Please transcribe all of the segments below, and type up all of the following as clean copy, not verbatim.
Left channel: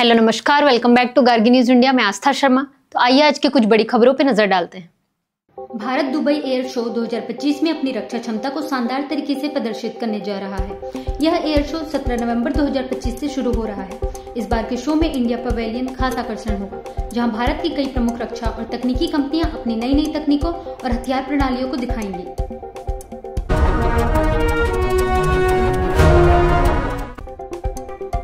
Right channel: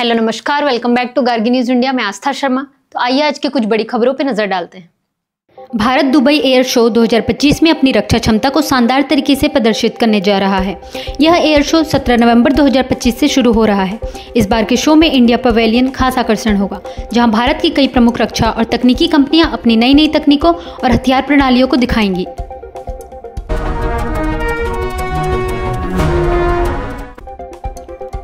Hello नमस्कार, welcome back to Gargi news India. मैं आस्था शर्मा। तो आइए आज की कुछ बड़ी खबरों पर नजर डालते हैं। भारत दुबई एयर शो 2025 में अपनी रक्षा क्षमता को शानदार तरीके से प्रदर्शित करने जा रहा है। यह एयर शो 17 नवंबर 2025 से शुरू हो रहा है। इस बार के शो में इंडिया पवेलियन खास आकर्षण होगा, जहां भारत की कई प्रमुख रक्षा और तकनीकी कंपनियां अपनी नई नई तकनीकों और हथियार प्रणालियों को दिखाएंगी।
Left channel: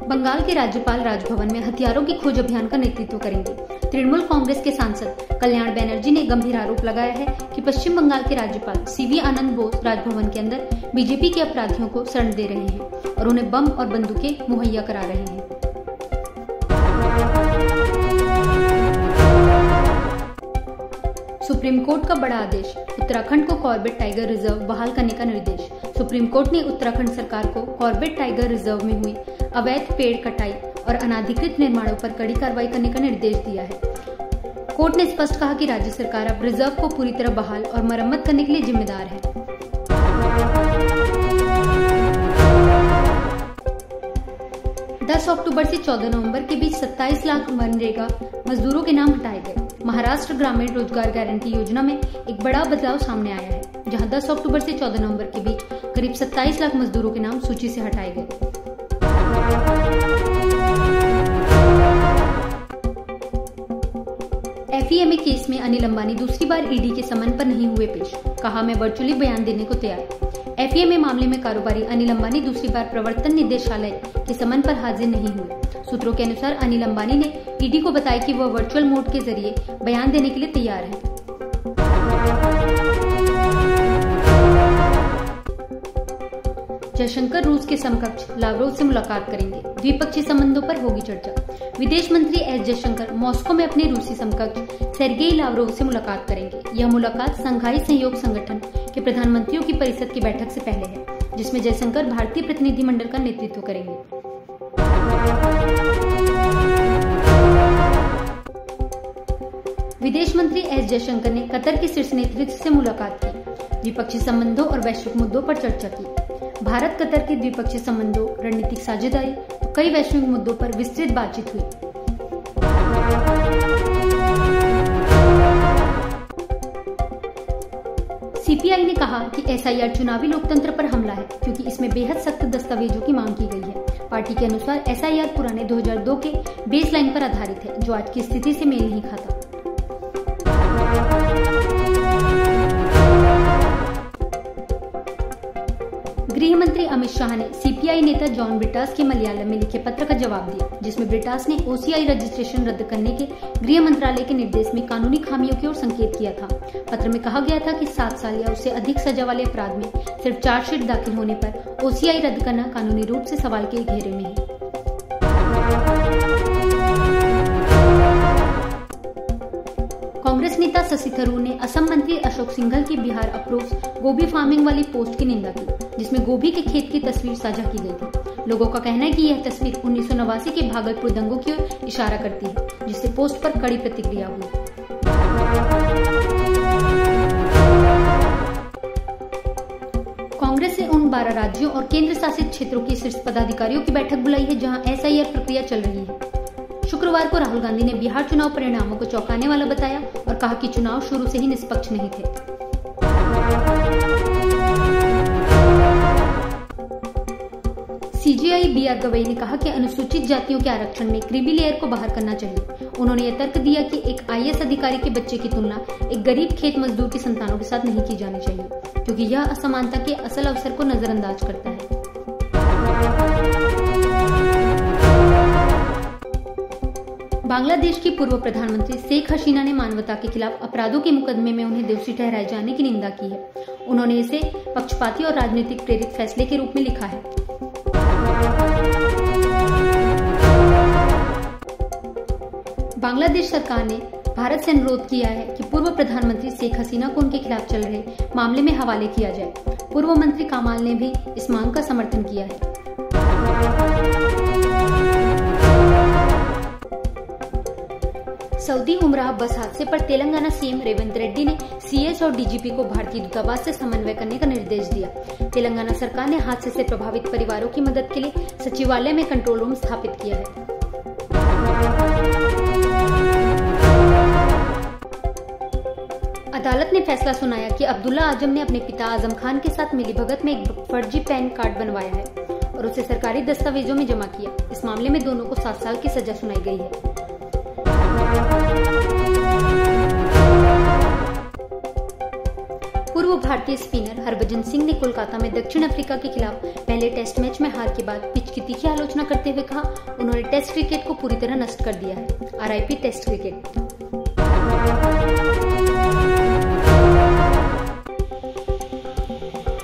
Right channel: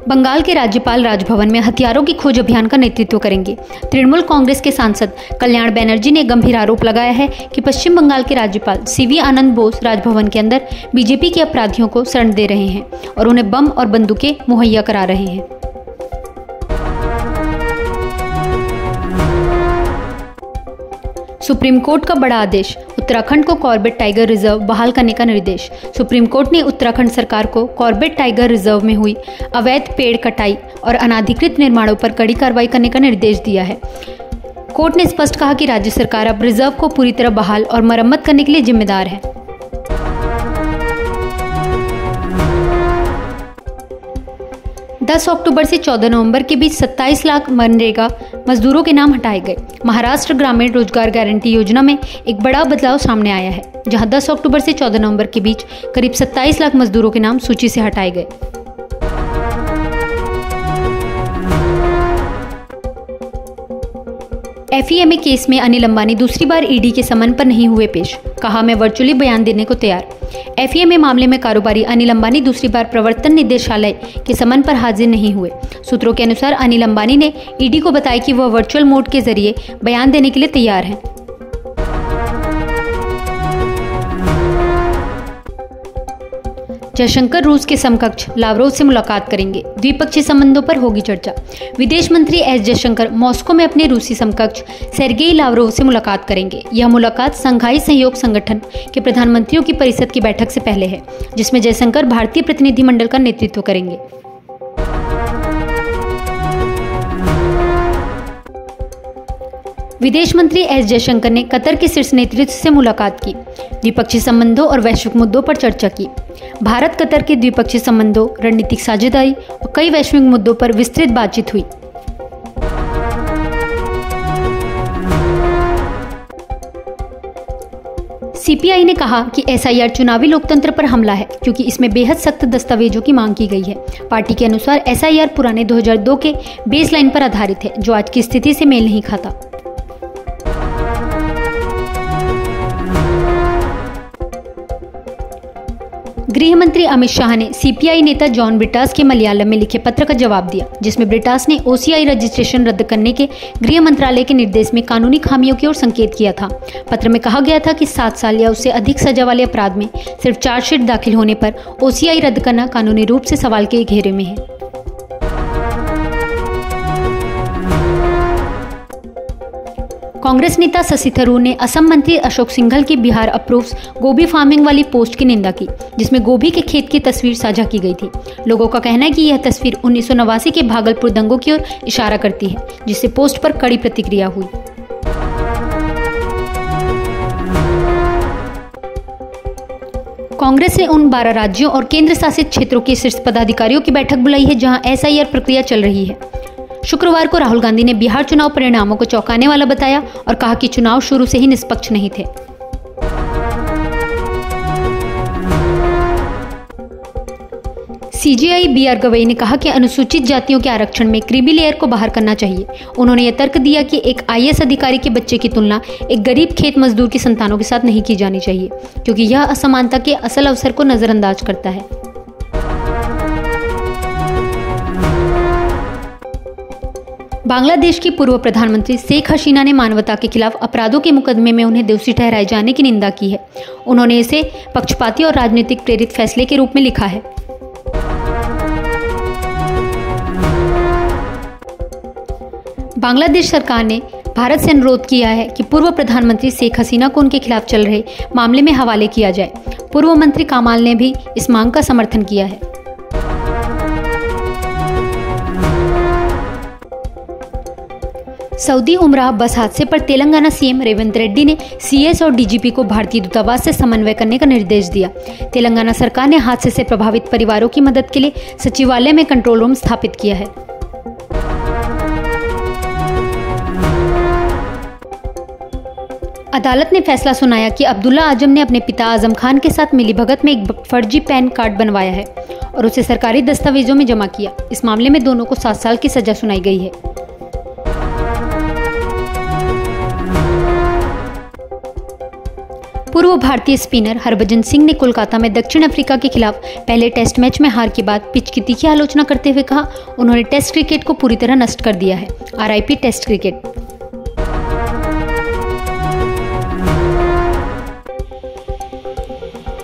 बंगाल के राज्यपाल राजभवन में हथियारों की खोज अभियान का नेतृत्व करेंगे। तृणमूल कांग्रेस के सांसद कल्याण बनर्जी ने गंभीर आरोप लगाया है कि पश्चिम बंगाल के राज्यपाल सीवी आनंद बोस राजभवन के अंदर बीजेपी के अपराधियों को शरण दे रहे हैं और उन्हें बम और बंदूकें मुहैया करा रहे हैं। सुप्रीम कोर्ट का बड़ा आदेश, उत्तराखंड को कॉर्बेट टाइगर रिजर्व बहाल करने का निर्देश। सुप्रीम कोर्ट ने उत्तराखंड सरकार को कॉर्बेट टाइगर रिजर्व में हुई अवैध पेड़ कटाई और अनाधिकृत निर्माणों पर कड़ी कार्रवाई करने का निर्देश दिया है। कोर्ट ने स्पष्ट कहा कि राज्य सरकार अब रिजर्व को पूरी तरह बहाल और मरम्मत करने के लिए जिम्मेदार है। अक्टूबर से 14 नवंबर के बीच 27 लाख मनरेगा मजदूरों के नाम हटाए गए। महाराष्ट्र ग्रामीण रोजगार गारंटी योजना में एक बड़ा बदलाव सामने आया है, जहां 10 अक्टूबर से 14 नवंबर के बीच करीब 27 लाख मजदूरों के नाम सूची से हटाए गए। FEMA केस में अनिल अंबानी दूसरी बार ईडी के समन पर नहीं हुए पेश। कहा, मैं वर्चुअली बयान देने को तैयार। FEMA मामले में कारोबारी अनिल अंबानी दूसरी बार प्रवर्तन निदेशालय के समन पर हाजिर नहीं हुए। सूत्रों के अनुसार अनिल अंबानी ने ईडी को बताया कि वह वर्चुअल मोड के जरिए बयान देने के लिए तैयार हैं। जयशंकर रूस के समकक्ष लावरोव से मुलाकात करेंगे। द्विपक्षीय संबंधों पर होगी चर्चा। विदेश मंत्री एस जयशंकर मॉस्को में अपने रूसी समकक्ष सेर्गेई लावरोव से मुलाकात करेंगे। यह मुलाकात संघाई सहयोग संगठन के प्रधानमंत्रियों की परिषद की बैठक से पहले है, जिसमें जयशंकर भारतीय प्रतिनिधिमंडल का नेतृत्व करेंगे। विदेश मंत्री एस जयशंकर ने कतर के शीर्ष नेतृत्व से मुलाकात की। द्विपक्षीय संबंधों और वैश्विक मुद्दों पर चर्चा की। भारत कतर के द्विपक्षीय संबंधों, रणनीतिक साझेदारी और कई वैश्विक मुद्दों पर विस्तृत बातचीत हुई। CPI ने कहा कि SIR चुनावी लोकतंत्र पर हमला है, क्योंकि इसमें बेहद सख्त दस्तावेजों की मांग की गई है। पार्टी के अनुसार SIR पुराने 2002 के बेसलाइन पर आधारित है, जो आज की स्थिति से मेल नहीं खाता। गृह मंत्री अमित शाह ने CPI नेता जॉन ब्रिटास के मलयालम में लिखे पत्र का जवाब दिया, जिसमें ब्रिटास ने OCI रजिस्ट्रेशन रद्द करने के गृह मंत्रालय के निर्देश में कानूनी खामियों की ओर संकेत किया था। पत्र में कहा गया था कि 7 साल या उससे अधिक सजा वाले अपराध में सिर्फ चार्जशीट दाखिल होने पर OCI रद्द करना कानूनी रूप से सवाल के घेरे में है। कांग्रेस नेता शशि थरूर ने असम मंत्री अशोक सिंघल की बिहार अप्रूव्स गोभी फार्मिंग वाली पोस्ट की निंदा की, जिसमें गोभी के खेत की तस्वीर साझा की गई थी। लोगों का कहना है कि यह तस्वीर 1989 के भागलपुर दंगों की ओर इशारा करती है, जिससे पोस्ट पर कड़ी प्रतिक्रिया हुई। कांग्रेस ने उन 12 राज्यों और केंद्र शासित क्षेत्रों के शीर्ष पदाधिकारियों की बैठक बुलाई है, जहां SIR प्रक्रिया चल रही है। शुक्रवार को राहुल गांधी ने बिहार चुनाव परिणामों को चौंकाने वाला बताया और कहा कि चुनाव शुरू से ही निष्पक्ष नहीं थे। CJI BR गवई ने कहा कि अनुसूचित जातियों के आरक्षण में क्रीमी लेयर को बाहर करना चाहिए। उन्होंने यह तर्क दिया कि एक IAS अधिकारी के बच्चे की तुलना एक गरीब खेत मजदूर की संतानों के साथ नहीं की जानी चाहिए, क्योंकि यह असमानता के असल अवसर को नजरअंदाज करता है। बांग्लादेश की पूर्व प्रधानमंत्री शेख हसीना ने मानवता के खिलाफ अपराधों के मुकदमे में उन्हें दोषी ठहराए जाने की निंदा की है। उन्होंने इसे पक्षपाती और राजनीतिक प्रेरित फैसले के रूप में लिखा है। बांग्लादेश सरकार ने भारत से अनुरोध किया है कि पूर्व प्रधानमंत्री शेख हसीना को उनके खिलाफ चल रहे मामले में हवाले किया जाए। पूर्व मंत्री कामाल ने भी इस मांग का समर्थन किया है। सऊदी उमराह बस हादसे पर तेलंगाना CM रेवंत रेड्डी ने CS और DGP को भारतीय दूतावास से समन्वय करने का निर्देश दिया। तेलंगाना सरकार ने हादसे से प्रभावित परिवारों की मदद के लिए सचिवालय में कंट्रोल रूम स्थापित किया है। अदालत ने फैसला सुनाया कि अब्दुल्ला आजम ने अपने पिता आजम खान के साथ मिलीभगत में एक फर्जी पैन कार्ड बनवाया है और उसे सरकारी दस्तावेजों में जमा किया। इस मामले में दोनों को 7 साल की सजा सुनाई गई है। पूर्व भारतीय स्पिनर हरभजन सिंह ने कोलकाता में दक्षिण अफ्रीका के खिलाफ पहले टेस्ट मैच में हार के बाद पिच की तीखी आलोचना करते हुए कहा, उन्होंने टेस्ट क्रिकेट को पूरी तरह नष्ट कर दिया है। RIP test cricket.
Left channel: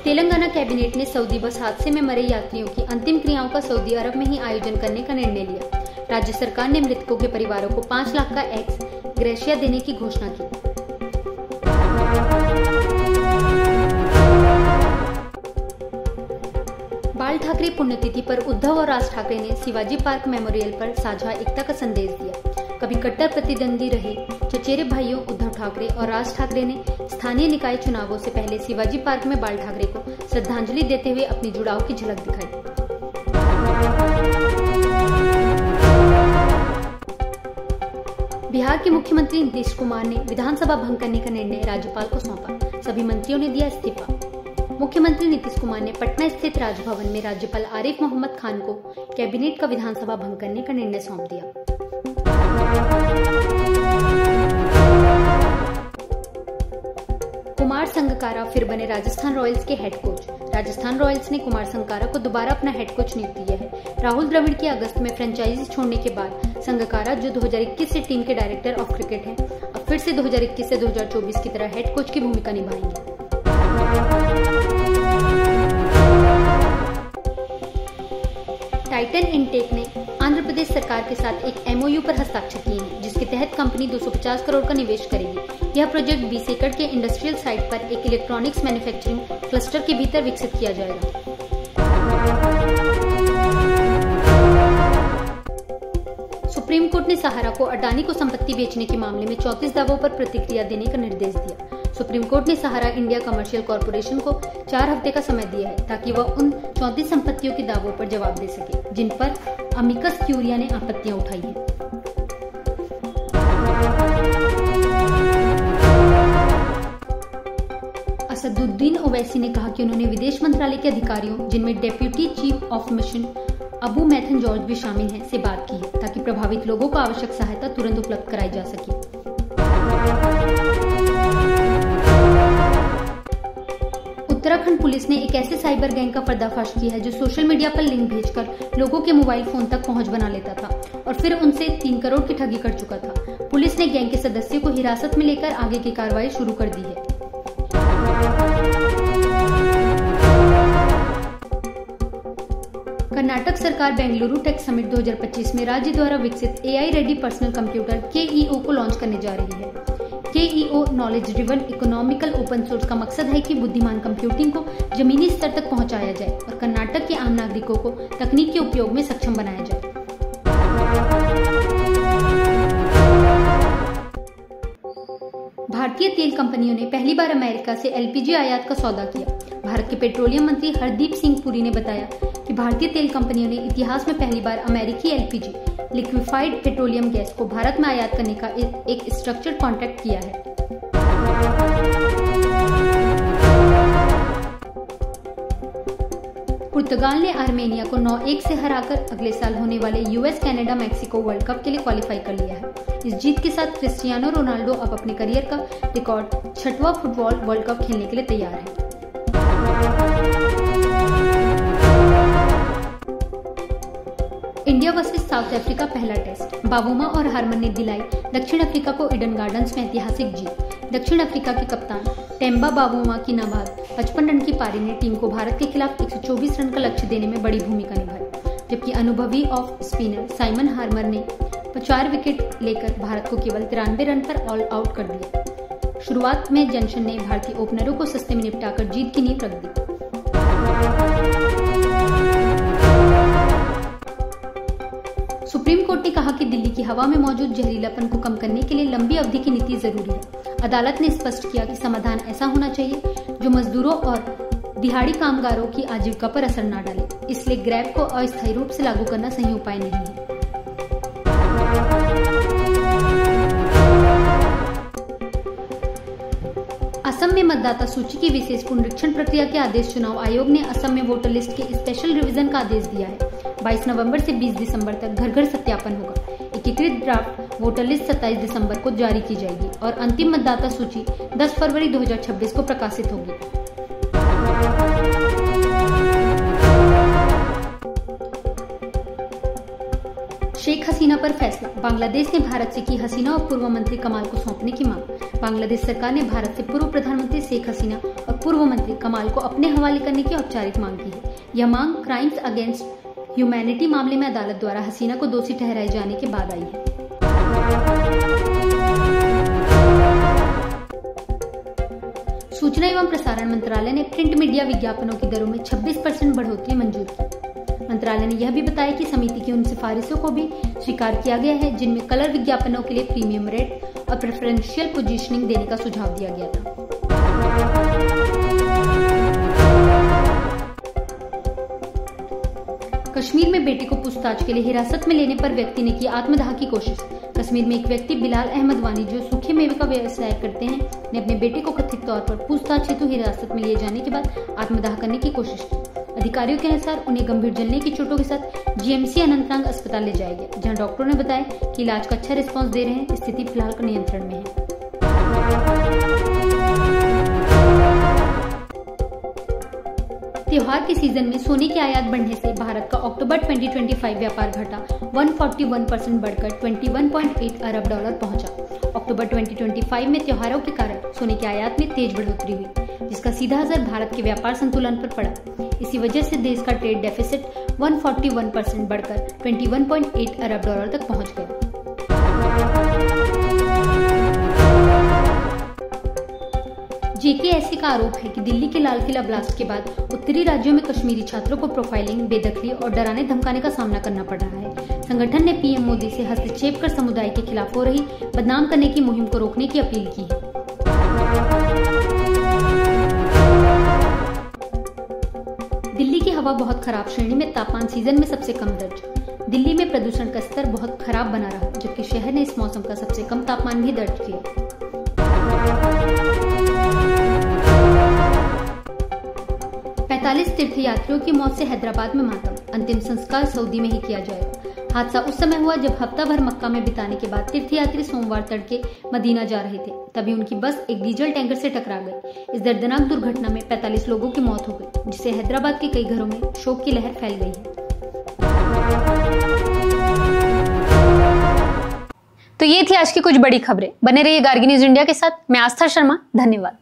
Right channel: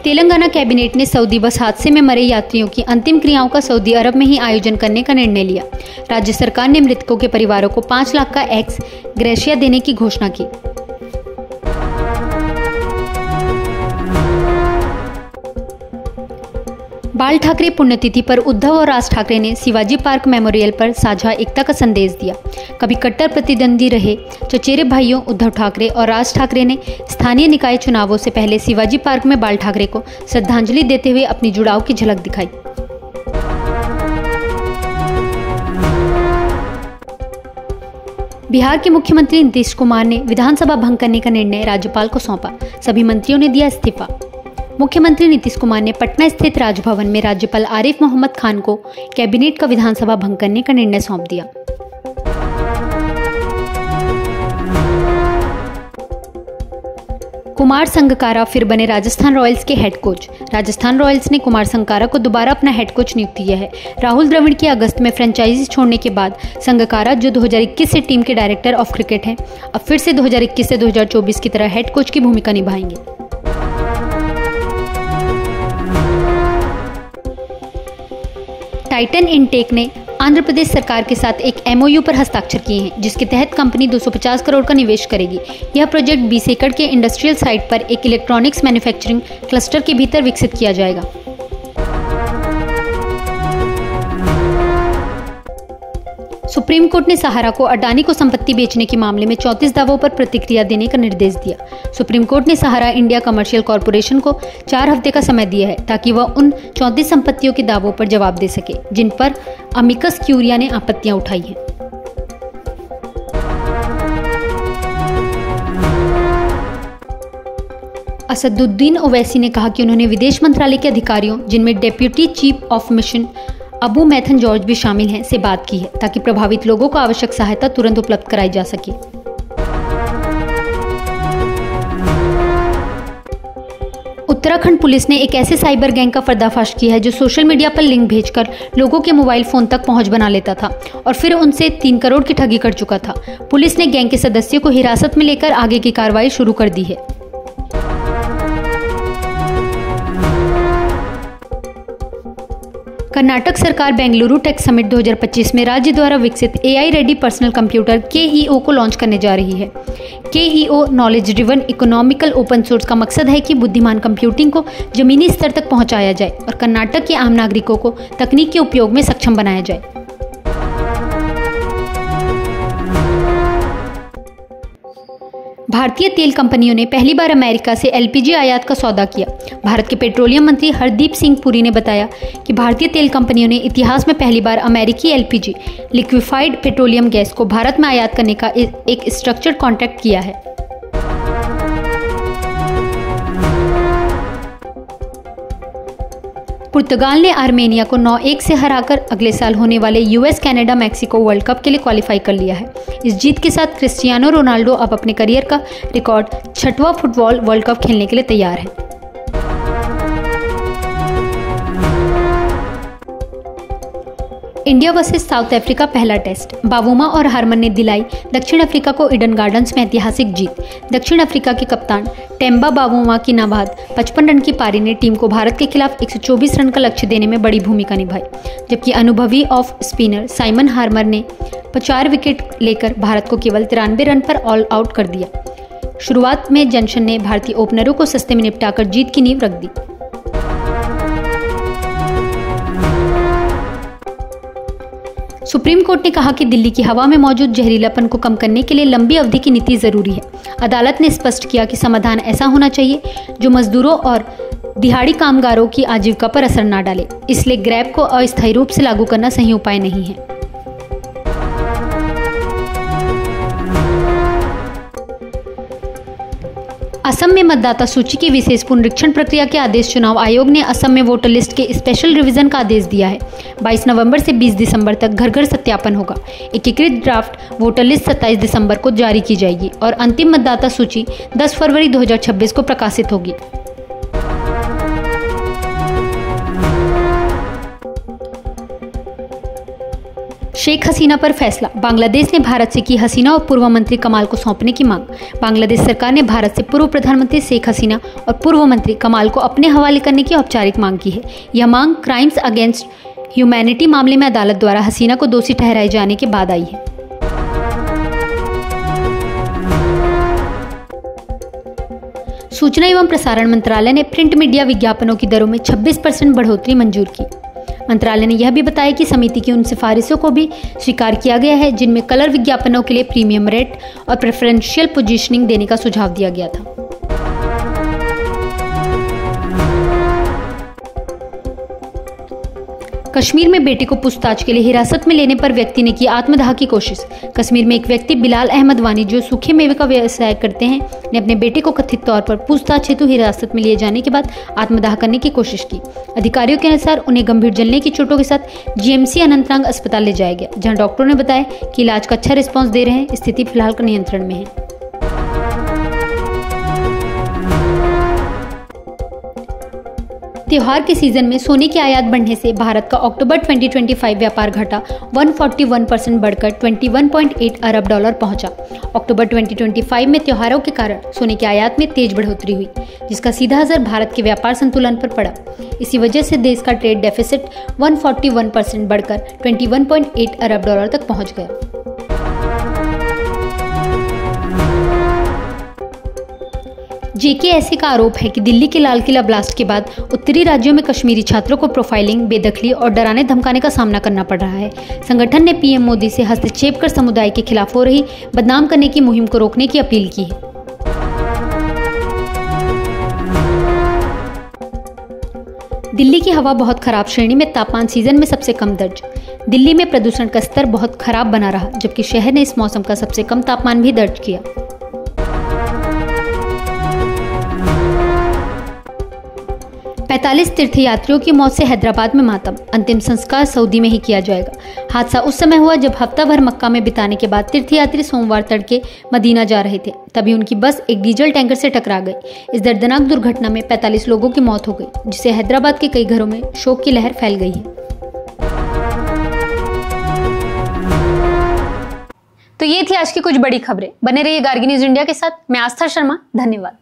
Telangana cabinet ने सऊदी बस हादसे में मरे यात्रियों की अंतिम क्रियाओं का सऊदी अरब में ही आयोजन करने का निर्णय लिया। राज्य सरकार ने मृतकों के परिवारों को 5 लाख का एक्स ग्रेशिया देने की घोषणा की। बाल ठाकरे पुण्यतिथि पर उद्धव और राज ठाकरे ने शिवाजी पार्क मेमोरियल पर साझा एकता का संदेश दिया। कभी कट्टर प्रतिद्वंदी रहे चचेरे भाइयों उद्धव ठाकरे और राज ठाकरे ने स्थानीय निकाय चुनावों से पहले शिवाजी पार्क में बाल ठाकरे को श्रद्धांजलि देते हुए अपनी जुड़ाव की झलक दिखाई। बिहार के मुख्यमंत्री नीतीश कुमार ने विधानसभा भंग करने का निर्णय राज्यपाल को सौंपा। सभी मंत्रियों ने दिया इस्तीफा। मुख्यमंत्री नीतीश कुमार ने पटना स्थित राजभवन में राज्यपाल आरिफ मोहम्मद खान को कैबिनेट का विधानसभा भंग करने का निर्णय सौंप दिया। कुमार संगकारा फिर बने राजस्थान रॉयल्स के हेड कोच। राजस्थान रॉयल्स ने कुमार संगकारा को दोबारा अपना हेड कोच नियुक्त किया है। राहुल द्रविड़ की अगस्त में फ्रेंचाइजी छोड़ने के बाद संगकारा, जो 2021 से टीम के डायरेक्टर ऑफ क्रिकेट हैं, अब फिर से 2021 से 2024 की तरह हेड कोच की भूमिका निभाएंगे। टाइटन इनटेक ने आंध्र प्रदेश सरकार के साथ एक MOU पर हस्ताक्षर किए हैं, जिसके तहत कंपनी 250 करोड़ का निवेश करेगी। यह प्रोजेक्ट 20 एकड़ के इंडस्ट्रियल साइट पर एक इलेक्ट्रॉनिक्स मैन्युफैक्चरिंग क्लस्टर के भीतर विकसित किया जाएगा। सुप्रीम कोर्ट ने सहारा को अडानी को संपत्ति बेचने के मामले में 34 दावों पर प्रतिक्रिया देने का निर्देश दिया। सुप्रीम कोर्ट ने सहारा इंडिया कमर्शियल कॉरपोरेशन को 4 हफ्ते का समय दिया है ताकि वह उन 34 संपत्तियों के दावों पर जवाब दे सके जिन पर अमिकस क्यूरिया ने आपत्तियां उठाई हैं। असदुद्दीन ओवैसी ने कहा कि उन्होंने विदेश मंत्रालय के अधिकारियों, जिनमें deputy chief of mission Abu Maithon George भी शामिल हैं, से बात की है ताकि प्रभावित लोगों को आवश्यक सहायता तुरंत उपलब्ध कराई जा सके। उत्तराखंड पुलिस ने एक ऐसे साइबर गैंग का पर्दाफाश किया है जो सोशल मीडिया पर लिंक भेजकर लोगों के मोबाइल फोन तक पहुंच बना लेता था और फिर उनसे 3 करोड़ की ठगी कर चुका था। पुलिस ने गैंग के सदस्यों को हिरासत में लेकर आगे की कार्रवाई शुरू कर दी है। कर्नाटक सरकार बेंगलुरु टेक समिट 2025 में राज्य द्वारा विकसित AI ready personal computer KEO को लॉन्च करने जा रही है। KEO knowledge driven economical open source का मकसद है कि बुद्धिमान कंप्यूटिंग को जमीनी स्तर तक पहुंचाया जाए और कर्नाटक के आम नागरिकों को तकनीक के उपयोग में सक्षम बनाया जाए। भारतीय तेल कंपनियों ने पहली बार अमेरिका से LPG आयात का सौदा किया। भारत के पेट्रोलियम मंत्री हरदीप सिंह पुरी ने बताया कि भारतीय तेल कंपनियों ने इतिहास में पहली बार अमेरिकी LPG लिक्विफाइड पेट्रोलियम गैस को भारत में आयात करने का एक स्ट्रक्चर्ड कॉन्ट्रैक्ट किया है। पुर्तगाल ने आर्मेनिया को 9-1 से हराकर अगले साल होने वाले US Canada Mexico world cup के लिए क्वालिफाई कर लिया है। इस जीत के साथ क्रिस्टियानो रोनाल्डो अब अपने करियर का रिकॉर्ड 6वां फुटबॉल वर्ल्ड कप खेलने के लिए तैयार है। इंडिया वर्सेस साउथ अफ्रीका पहला टेस्ट। बावुमा और हारमन ने दिलाई दक्षिण अफ्रीका को ईडन गार्डन्स में ऐतिहासिक जीत। दक्षिण अफ्रीका के कप्तान टेम्बा बावुमा की नाबाद 55 रन की पारी ने टीम को भारत के खिलाफ 124 रन का लक्ष्य देने में बड़ी भूमिका निभाई, जबकि अनुभवी ऑफ स्पिनर साइमन हार्मर ने 4 विकेट लेकर भारत को केवल 93 रन पर ऑल आउट कर दिया। शुरुआत में जॉनसन ने भारतीय ओपनरों को सस्ते में निपटाकर जीत की नींव रख दी। सुप्रीम कोर्ट ने कहा कि दिल्ली की हवा में मौजूद जहरीलापन को कम करने के लिए लंबी अवधि की नीति जरूरी है। अदालत ने स्पष्ट किया कि समाधान ऐसा होना चाहिए जो मजदूरों और दिहाड़ी कामगारों की आजीविका पर असर न डाले, इसलिए ग्रैब को अस्थायी रूप से लागू करना सही उपाय नहीं है। असम में मतदाता सूची की विशेष पुनरीक्षण प्रक्रिया के आदेश चुनाव आयोग ने असम में वोटर लिस्ट के स्पेशल रिवीजन का आदेश दिया है। 22 नवंबर से 20 दिसंबर तक घर घर सत्यापन होगा। एकीकृत ड्राफ्ट वोटर लिस्ट 27 दिसंबर को जारी की जाएगी और अंतिम मतदाता सूची 10 फरवरी 2026 को प्रकाशित होगी। शेख हसीना पर फैसला। बांग्लादेश ने भारत से की हसीना और पूर्व मंत्री कमाल को सौंपने की मांग। बांग्लादेश सरकार ने भारत से पूर्व प्रधानमंत्री शेख हसीना और पूर्व मंत्री कमाल को अपने हवाले करने की औपचारिक मांग की है। यह मांग क्राइम्स अगेंस्ट ह्यूमैनिटी मामले में अदालत द्वारा हसीना को दोषी ठहराए जाने के बाद आई है। सूचना एवं प्रसारण मंत्रालय ने प्रिंट मीडिया विज्ञापनों की दरों में 26% बढ़ोतरी मंजूर की। मंत्रालय ने यह भी बताया कि समिति की उन सिफारिशों को भी स्वीकार किया गया है जिनमें कलर विज्ञापनों के लिए प्रीमियम रेट और प्रेफरेंशियल पोजीशनिंग देने का सुझाव दिया गया था। कश्मीर में बेटे को पूछताछ के लिए हिरासत में लेने पर व्यक्ति ने की आत्मदाह की कोशिश। कश्मीर में एक व्यक्ति बिलाल अहमद वानी जो सूखे मेवे का व्यवसाय करते हैं ने अपने बेटे को कथित तौर पर पूछताछ हेतु हिरासत में लिए जाने के बाद आत्मदाह करने की कोशिश की। अधिकारियों के अनुसार उन्हें गंभीर जलने की चोटों के साथ जीएमसी अनंतनाग अस्पताल ले जाया गया, जहां डॉक्टरों ने बताया कि इलाज का अच्छा रिस्पॉन्स दे रहे हैं। स्थिति फिलहाल नियंत्रण में है। त्योहार के सीजन में सोने की आयात बढ़ने से भारत का अक्टूबर 2025 व्यापार घटा 141% बढ़कर 21.8 अरब डॉलर पहुंचा। अक्टूबर 2025 में त्योहारों के कारण सोने की आयात में तेज बढ़ोतरी हुई, जिसका सीधा असर भारत के व्यापार संतुलन पर पड़ा। इसी वजह से देश का ट्रेड डेफिसिट 141% बढ़कर 21.8 अरब डॉलर तक पहुंच गया। जेकेएसए का आरोप है कि दिल्ली के लाल किला ब्लास्ट के बाद उत्तरी राज्यों में कश्मीरी छात्रों को प्रोफाइलिंग, बेदखली और डराने धमकाने का सामना करना पड़ रहा है। संगठन ने पीएम मोदी से हस्तक्षेप कर समुदाय के खिलाफ हो रही बदनाम करने की मुहिम को रोकने की अपील की है। दिल्ली की हवा बहुत खराब श्रेणी में तापमान सीजन में सबसे कम दर्ज। दिल्ली में प्रदूषण का स्तर बहुत खराब बना रहा, जबकि शहर ने इस मौसम का सबसे कम तापमान भी दर्ज किया। पैंतालीस तीर्थयात्रियों की मौत से हैदराबाद में मातम। अंतिम संस्कार सऊदी में ही किया जाएगा। हादसा उस समय हुआ जब हफ्ता भर मक्का में बिताने के बाद तीर्थयात्री सोमवार तड़के मदीना जा रहे थे, तभी उनकी बस एक डीजल टैंकर से टकरा गई। इस दर्दनाक दुर्घटना में 45 लोगों की मौत हो गई, जिससे हैदराबाद के कई घरों में शोक की लहर फैल गई है। तो ये थी आज की कुछ बड़ी खबरें। बने रहिए गार्गी न्यूज इंडिया के साथ। मैं आस्था शर्मा, धन्यवाद।